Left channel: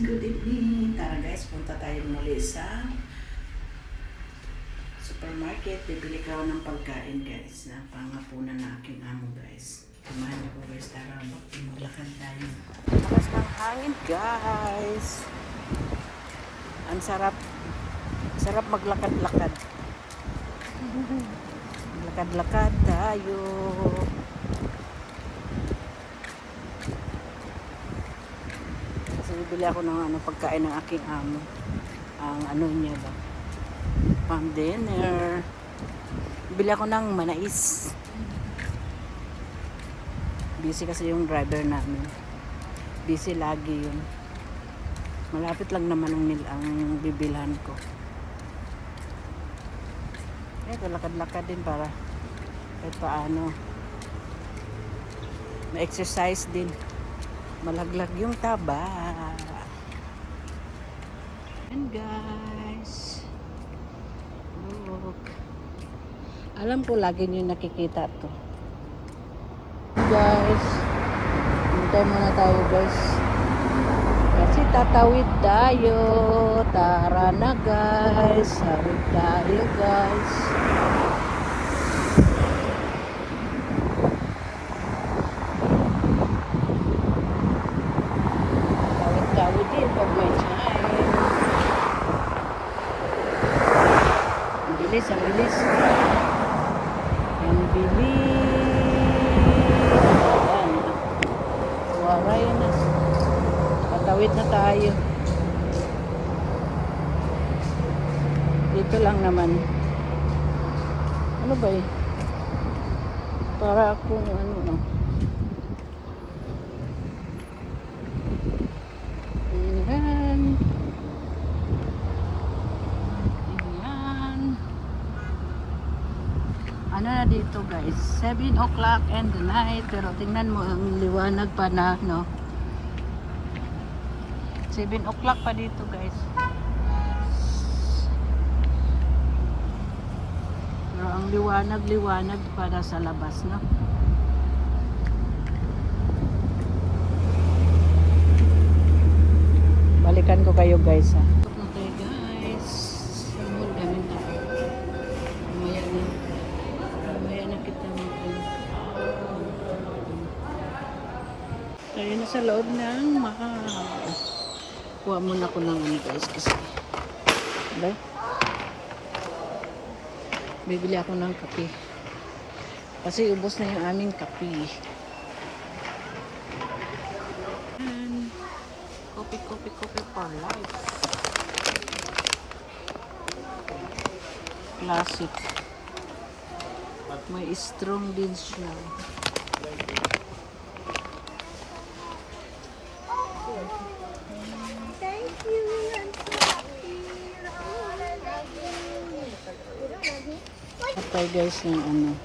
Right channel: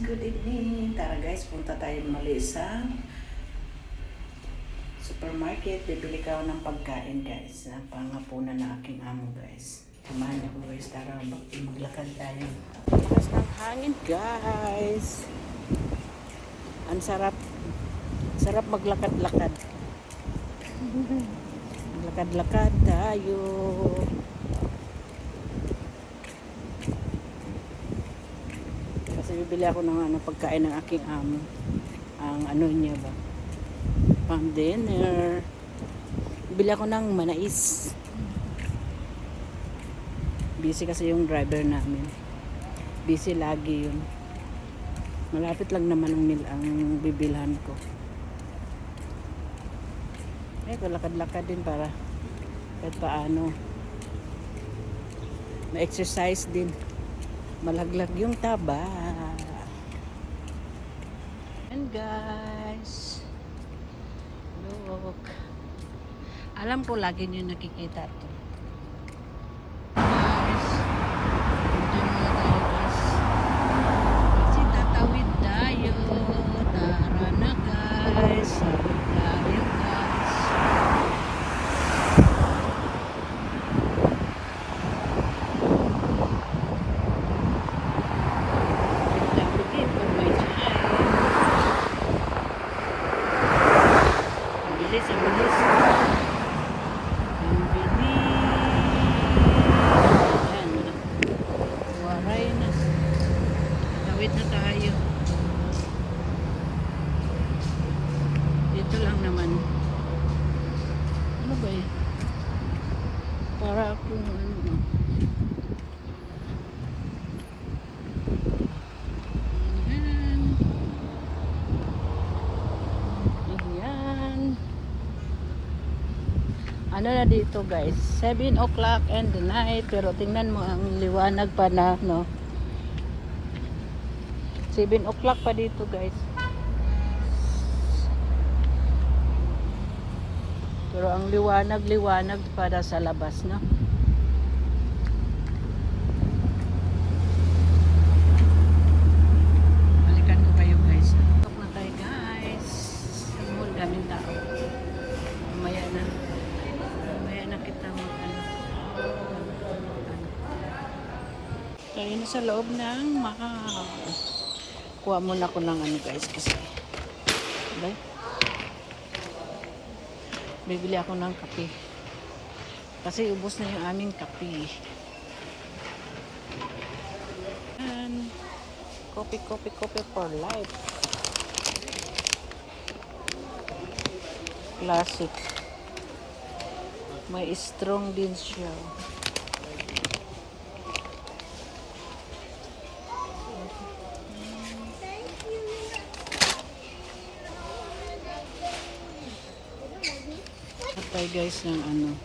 good evening. Tara guys, punta tayo muli sa supermarket. Bibili ka ng pagkain guys. Na pangapunan na aking amo guys. Kumain ako guys. Tara, maglakad tayo. Lakas ng hangin guys. Ang sarap. Sarap maglakad-lakad. Lakad-lakad tayo. Kasi bibili ako ng ano, pagkain ng aking amo. Ang ano niya ba? Pang dinner. Bibili ako ng manais. Busy kasi yung driver namin. Busy lagi yun. Malapit lang naman ang, nil ang bibilhan ko. Eh, kalakad-lakad din para kahit paano. Ma-exercise din malaglag yung taba. And guys, look. Alam ko lagi nyo nakikita to. Guys, dito muna tayo guys. Kasi tatawid tayo. Tara na guys. Tawid tayo guys. Tawid-tawid din pag may time. Ang bilis, ang bilis. Ang bilis. Ayan. Waray na. Tatawid na tayo. Dito lang naman. Ano ba eh? Para akong ano na. Ayan. Ayan. Ano na dito guys? 7 o'clock and the night. Pero tingnan mo ang liwanag pa na, no? 7 o'clock pa dito guys. Pero ang liwanag-liwanag para sa labas, no? Balikan ko kayo guys ha. Na tayo guys. Sa mall daming tao. Na. Mamaya na kita Tayo na sa loob ng maka. Kuha muna ko ng ano guys kasi. Diba? Bibili ako ng kape. Kasi ubos na yung aming kape. And Coffee, coffee, coffee for life. Classic. May strong din siya. Patay guys ng ano.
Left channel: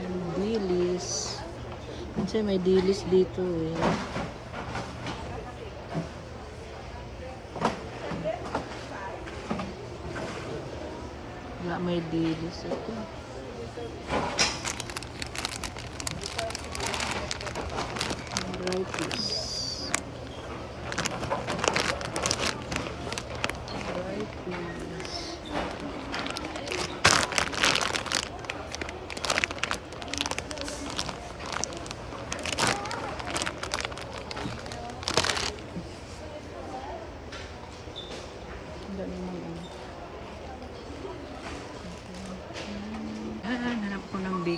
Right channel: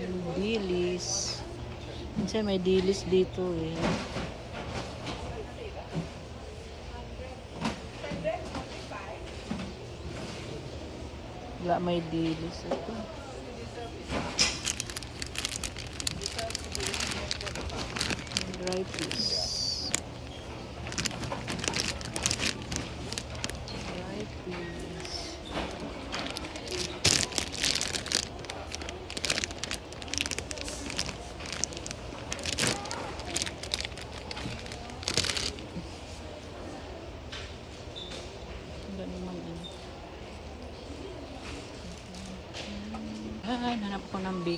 Yung dilis. Kasi may dilis dito eh. Wala may dilis. Ito. Dry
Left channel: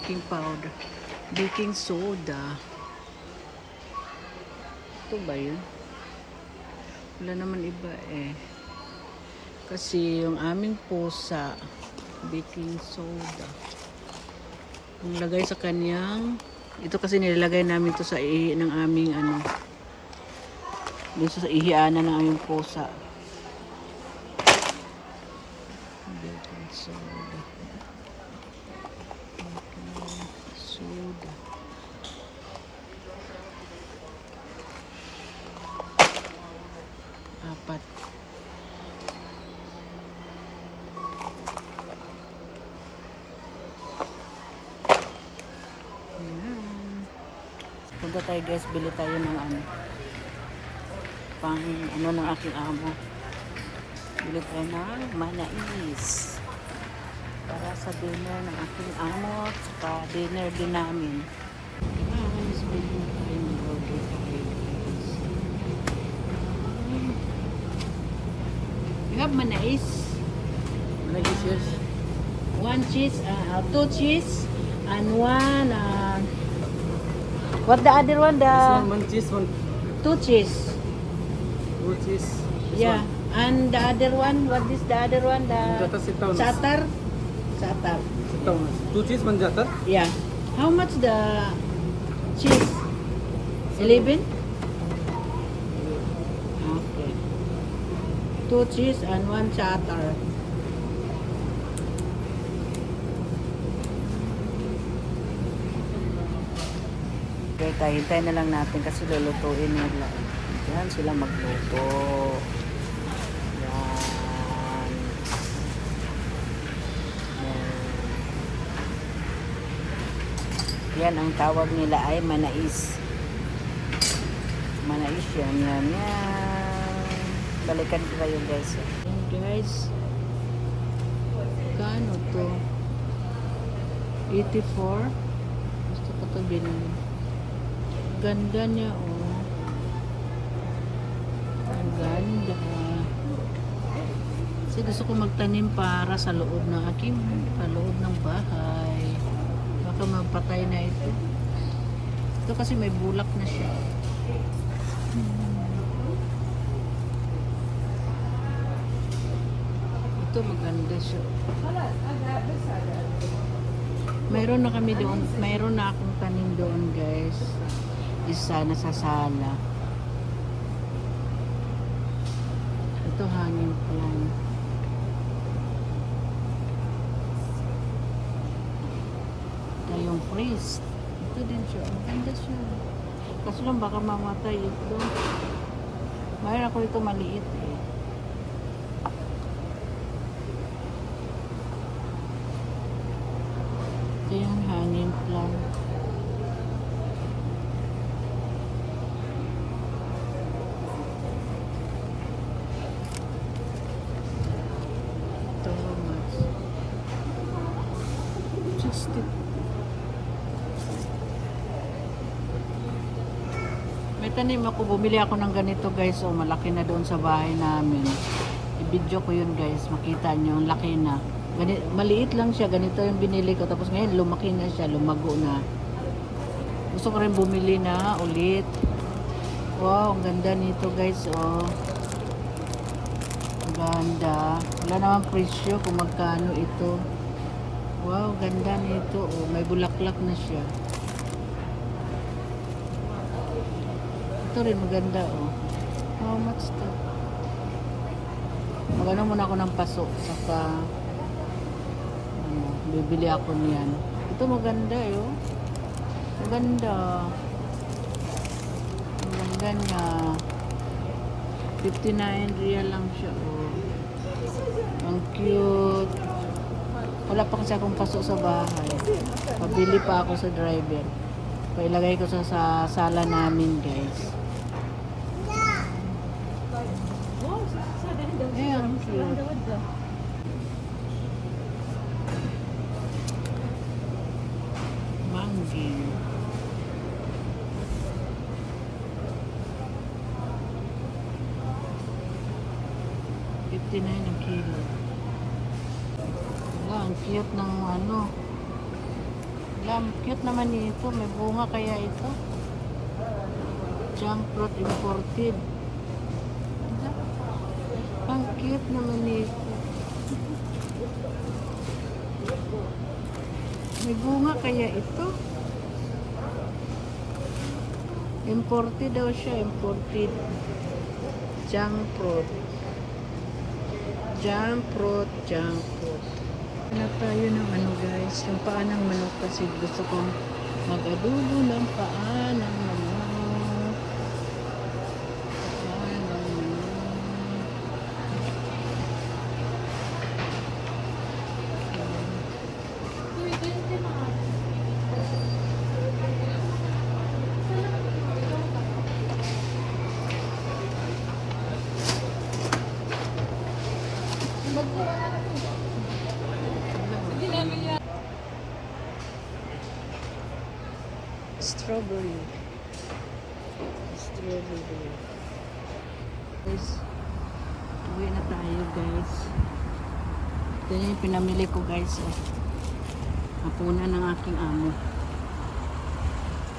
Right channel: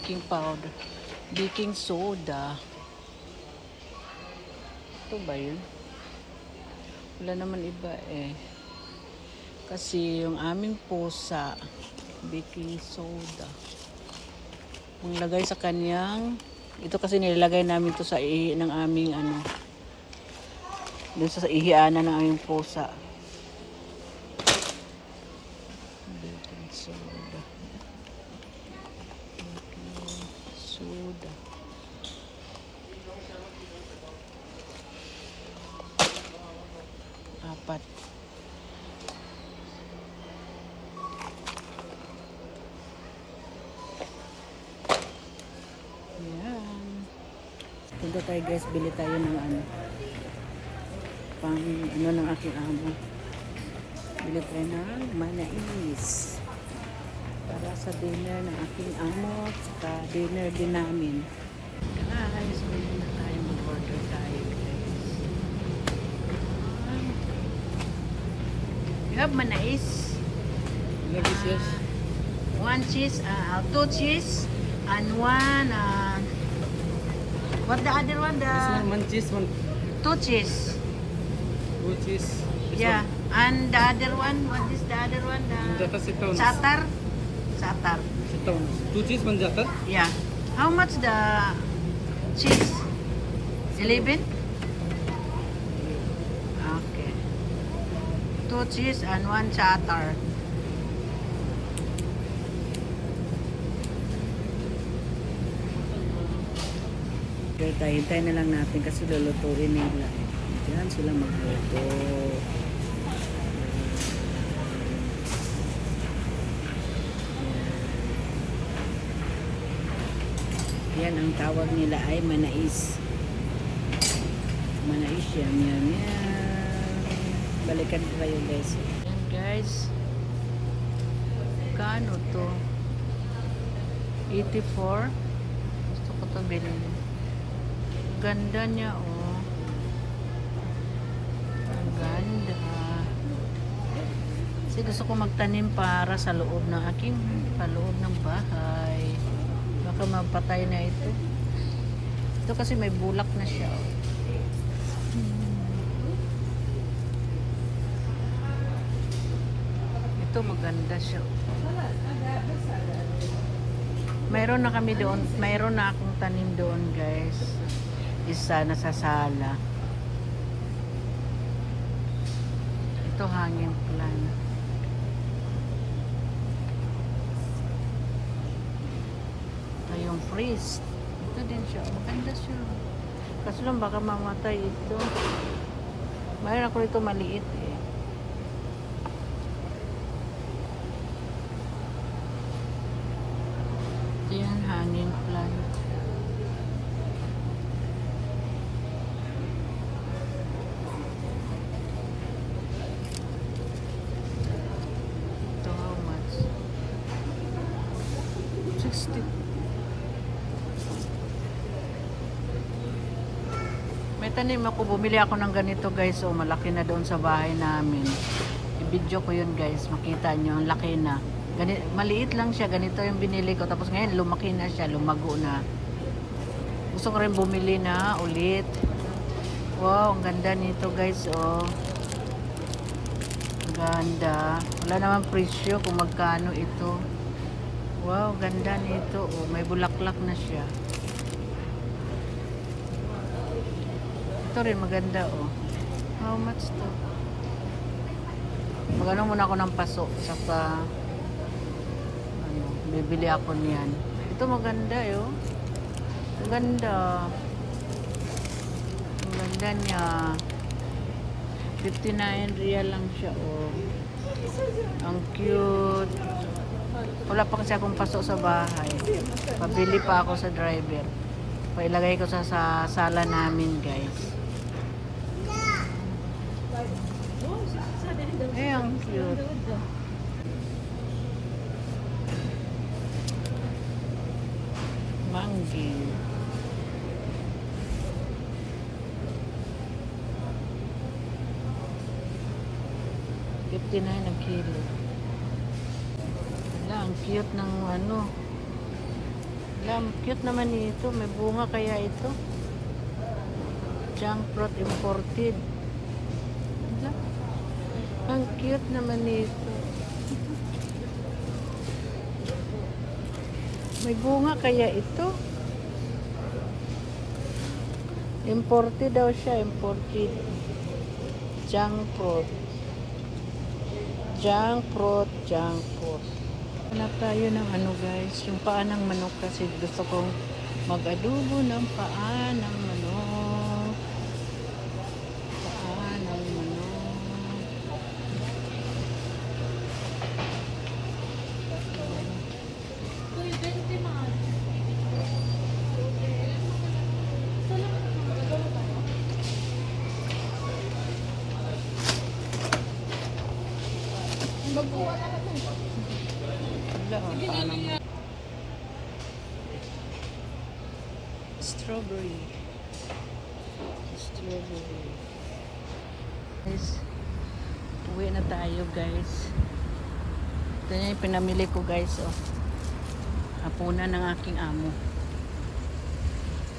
baking powder. Baking soda. Ito ba yun? Wala naman iba eh. Kasi yung aming pusa, baking soda. Ang lagay sa kanyang, ito kasi nilalagay namin to sa ihi ng aming ano, dito sa ihianan ng aming pusa. Baking soda. Apat. Punta tayo guys, bili tayo ng ano. Pang ano ng aking amo. Bili tayo ng manais. Para sa dinner ng aking amo. Saka dinner din namin. You have manais? Yes. One cheese, uh, two cheese, and one, uh, what the other one? The one, one cheese, one two cheese. two cheese. This Yeah. One. And the other one, what is the other one? The. Sit down. Two cheese, one jata. Yeah. How much the cheese? Eleven? Two cheese and one chatar. Okay, tayo hintay na lang natin kasi lulutuin nila. Yan sila magluto. Yan. Yan ang tawag nila ay manais. Manais yan, yan, yan. Balikan ko kayo guys. Yan guys. Kano to? 84. Gusto ko to bilhin. Ganda niya oh. Ang ganda. Kasi gusto ko magtanim para sa loob ng aking sa loob ng bahay. Baka magpatay na ito. Ito kasi may bulak na siya. Ito maganda siya. Mayroon na kami doon, mayroon na akong tanim doon guys. Isa na sa sala. Ito hangin ko lang. Ito yung freeze. Ito din siya. Ang ganda siya. Kaso lang baka mamatay ito. Mayroon ako dito maliit eh. Yung hanging plant. Ito how much? 60. May tanim ako, bumili ako ng ganito guys, so malaki na doon sa bahay namin. I-video ko yun guys, makita nyo, ang laki na. Gani, maliit lang siya, ganito yung binili ko. Tapos ngayon, lumaki na siya, lumago na. Gusto ko rin bumili na ulit. Wow, ang ganda nito guys, oh. Ang ganda. Wala namang presyo kung magkano ito. Wow, ganda nito, oh. May bulaklak na siya. Ito rin maganda, oh. How much to? Magano muna ako ng paso. Saka, ano, bibili ako niyan. Ito maganda, eh, oh. Maganda. Ang ganda niya. 59 real lang siya, oh. Ang cute. Wala pa kasi akong paso sa bahay. Pabili pa ako sa driver. Pailagay ko sa, sa sala namin, guys. Ayan, cute. Mango. Fifty-nine ang kilo. Wala, ang cute ng ano. Wala, ang cute naman ito. May bunga kaya ito. Junk fruit imported. Ang cute naman nito. May bunga kaya ito. Imported daw siya, imported. Junk fruit. Junk fruit, junk. Hanap tayo ng ano guys, yung paa ng manok kasi gusto kong mag-adobo ng paa ng manok. Paa ng manok. Mag-uwa na Strawberry. Strawberry. Guys, uwi na tayo guys. Ito na yung pinamili ko guys. Eh. Hapunan ng aking amo.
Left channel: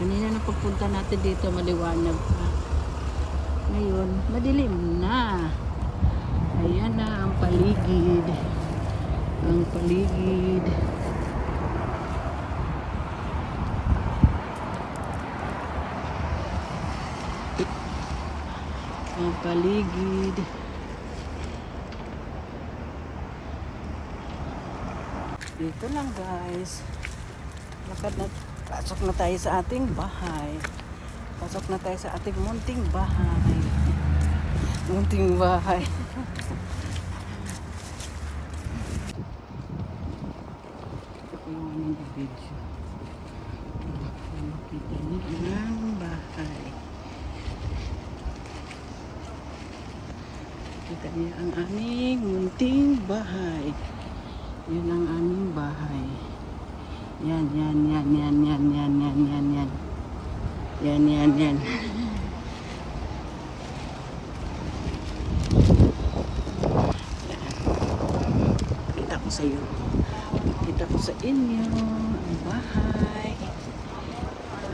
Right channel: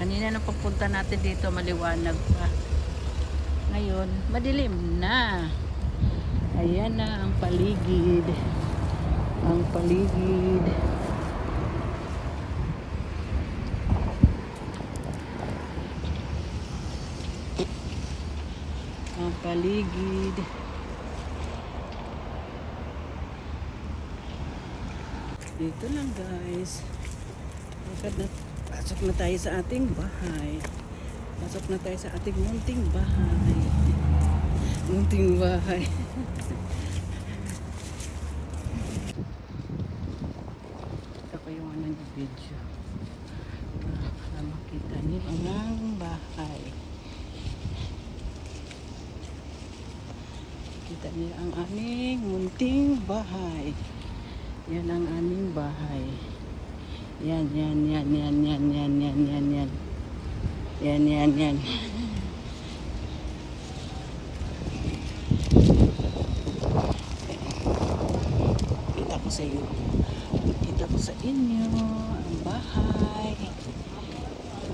Kanina na pagpunta natin dito, maliwanag pa. Ngayon, madilim na. Ayan na ang paligid. Ang paligid. Ang paligid. Dito lang guys. Lakad na, pasok na tayo sa ating bahay. Pasok na tayo sa ating munting bahay. Munting bahay. Anong video. Nakita niyo ang bahay. Kita niyo ang aming munting bahay. Yan ang aming bahay. Yan, yan, yan, yan, yan, yan, yan, yan, yan. Yan, yan, yan. Kita ko sa iyo. Sa inyo ang bahay.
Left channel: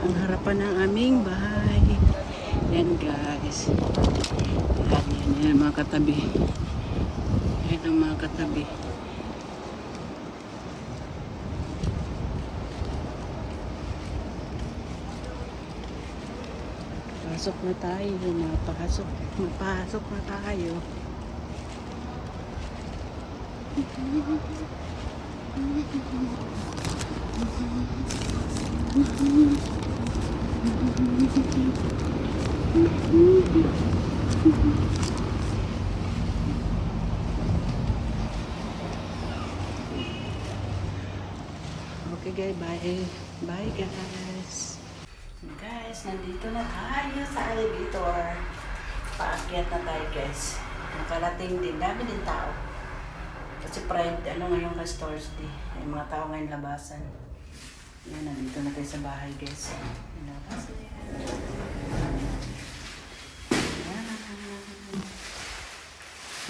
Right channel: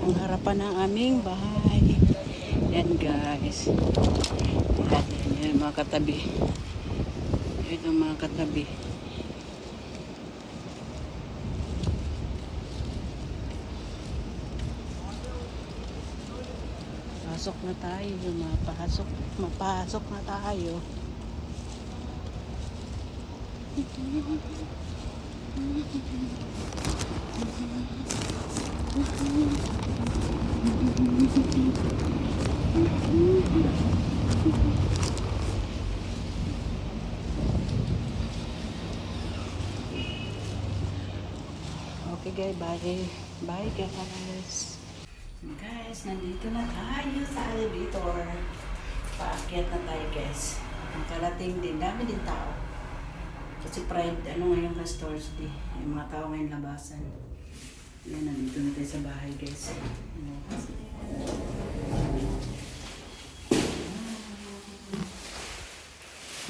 Ang harapan ng aming bahay. Yan guys. Yan, yan, mga katabi. Yan ang mga katabi. Pasok na tayo, mapasok, mapasok na tayo. Okay guys, bye. Bye guys. Guys, nandito na tayo sa alligator. Paakyat na tayo guys. Nakalating din. Dami din tao. Kasi Pride, ano ngayon kasi Thursday. May mga tao ngayon labasan. Yan, nandito na tayo sa bahay guys. Yan.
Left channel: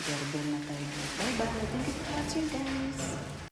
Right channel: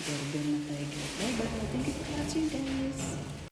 Doorbell na tayo guys. Bye bye. Thank you for watching guys.